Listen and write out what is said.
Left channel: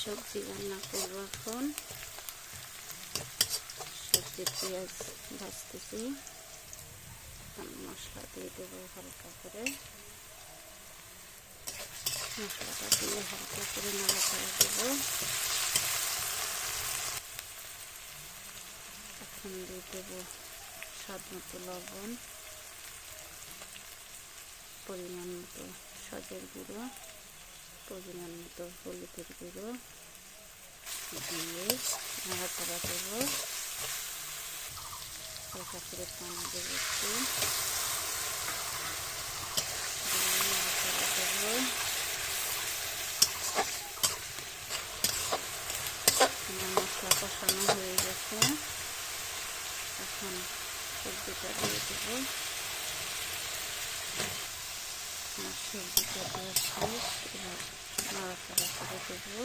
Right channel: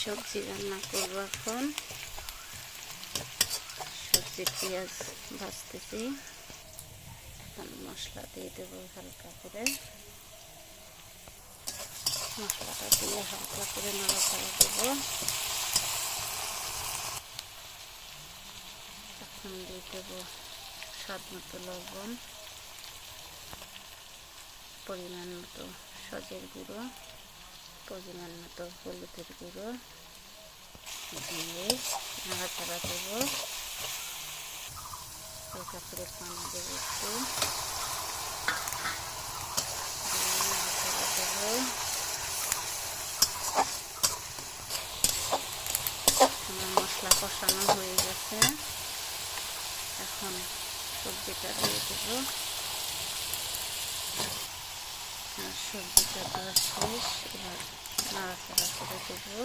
সবজি রান্না করব এখন। সবজি পেঁয়াজ ভাজতেছি, এখন মশলা দিয়ে দেবো হালকা করে। মশলাটা দিয়ে হালকা করে নাড়াচাড়া দেবো। এখন দিয়ে দেবো স্বাদ মতো লবণ, পরিমাণ মতো সজের গুঁড়ো, পরিমাণ মতো হলুদের গুঁড়ো দিয়ে নাড়াচাড়া দেবো। হালকা করে পানি দেবো একটু, নাড়াচাড়া দেবো। আমার মশলা কষানো হয়ে গেছে, এখন সবজিটা দিয়ে দেবো। আমার সবজিটা দেওয়া শেষ, এবার নাড়াচাড়া করে দেবো।